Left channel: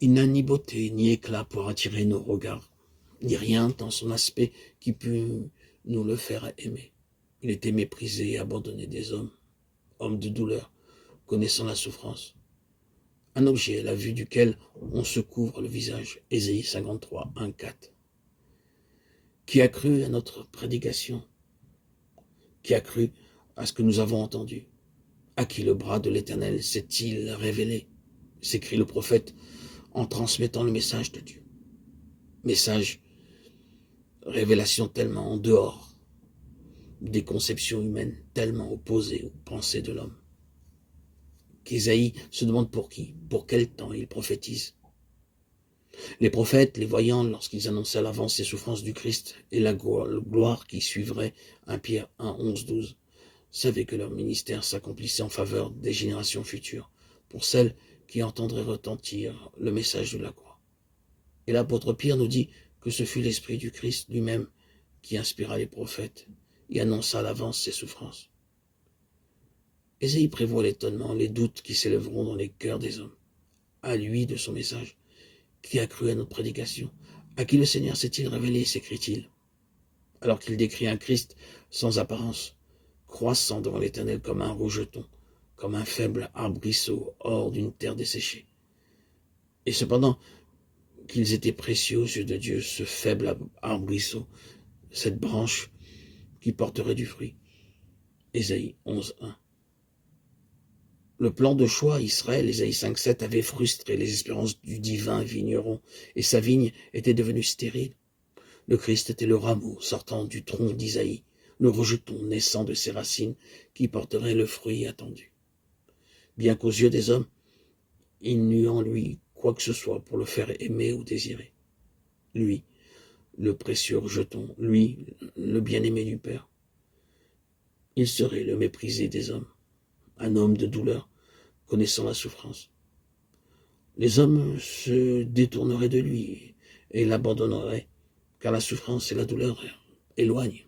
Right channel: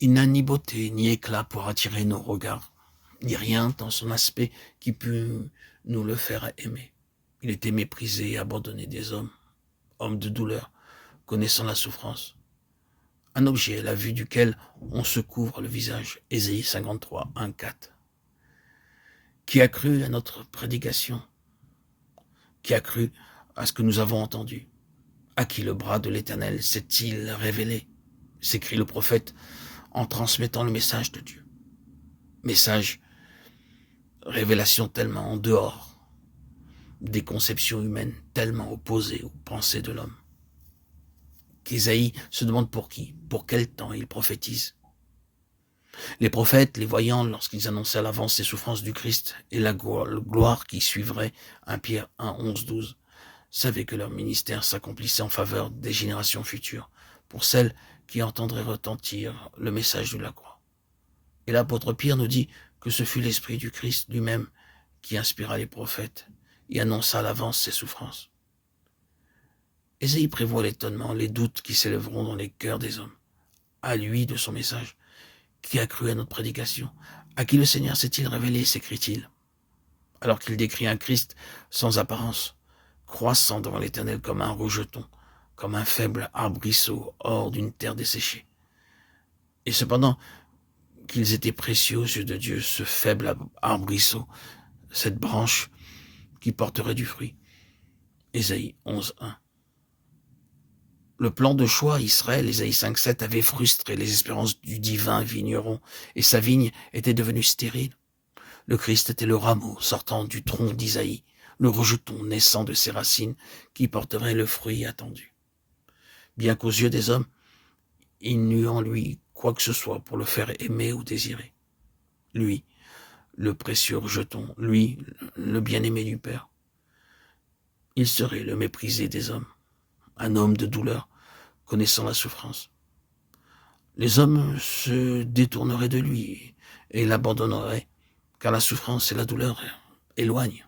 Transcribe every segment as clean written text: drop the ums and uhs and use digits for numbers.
Il n'a ni beauté, ni éclat pour attirer nos regards, ni rien dans son aspect qui peut nous le faire aimer. Il était méprisé et abandonné des hommes, homme de douleur, connaissant la souffrance. Un objet à la vue duquel on se couvre le visage. Ésaïe 53, 1, 4. Qui a cru à notre prédication? Qui a cru à ce que nous avons entendu? À qui le bras de l'Éternel s'est-il révélé? S'écrit le prophète en transmettant le message de Dieu. Message, révélation tellement en dehors des conceptions humaines, tellement opposées aux pensées de l'homme. Qu'Ésaïe se demande pour qui, pour quel temps il prophétise. Les prophètes, les voyants, lorsqu'ils annonçaient à l'avance les souffrances du Christ et la gloire qui suivrait, 1 Pierre 1, 11, 12, savaient que leur ministère s'accomplissait en faveur des générations futures, pour celles qui entendraient retentir le message de la croix. Et l'apôtre Pierre nous dit que ce fut l'Esprit du Christ lui-même qui inspira les prophètes et annonça à l'avance ses souffrances. Ésaïe prévoit l'étonnement, les doutes qui s'élèveront dans les cœurs des hommes. À lui de son message, qui a cru à notre prédication? À qui le Seigneur s'est-il révélé, s'écrit-il, alors qu'il décrit un Christ sans apparence, croissant devant l'Éternel comme un rejeton, comme un faible arbrisseau hors d'une terre desséchée. Et cependant, qu'ils étaient précieux aux yeux de Dieu, ce faible arbrisseau, cette branche qui porterait du fruit. Ésaïe 11, 1. Le plan de choix Israël, Ésaïe 5,7, avait frustré les espérances du divin vigneron, et sa vigne était devenue stérile. Le Christ était le rameau sortant du tronc d'Isaïe, le rejeton naissant de ses racines, qui porterait le fruit attendu. Bien qu'aux yeux des hommes, il n'eût en lui quoi que ce soit pour le faire aimer ou désirer. Lui, le précieux rejeton, lui, le bien-aimé du Père. Il serait le méprisé des hommes, un homme de douleur, connaissant la souffrance. Les hommes se détourneraient de lui et l'abandonneraient, car la souffrance et la douleur éloignent.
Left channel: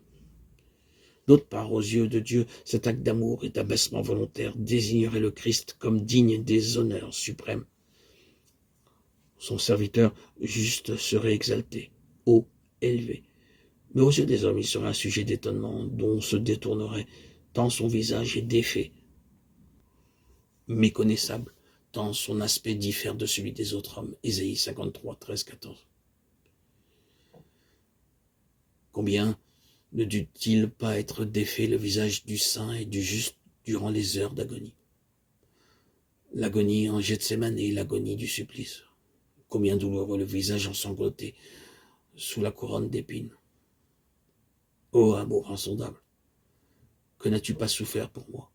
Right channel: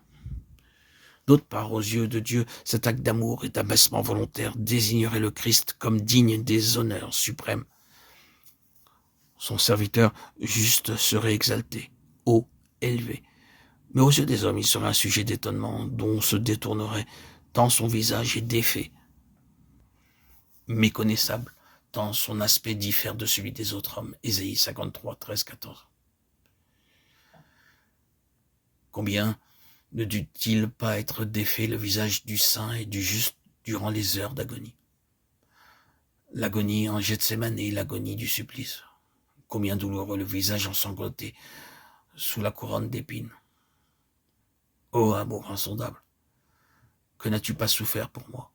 D'autre part, aux yeux de Dieu, cet acte d'amour et d'abaissement volontaire désignerait le Christ comme digne des honneurs suprêmes. Son serviteur juste serait exalté, haut, élevé. Mais aux yeux des hommes, il serait un sujet d'étonnement dont on se détournerait, tant son visage est défait, méconnaissable, tant son aspect diffère de celui des autres hommes. Ésaïe 53, 13, 14. Combien ne dut-il pas être défait le visage du saint et du juste durant les heures d'agonie? L'agonie en Gethsémane et l'agonie du supplice. Combien douloureux le visage ensanglanté sous la couronne d'épines. Ô amour insondable, que n'as-tu pas souffert pour moi?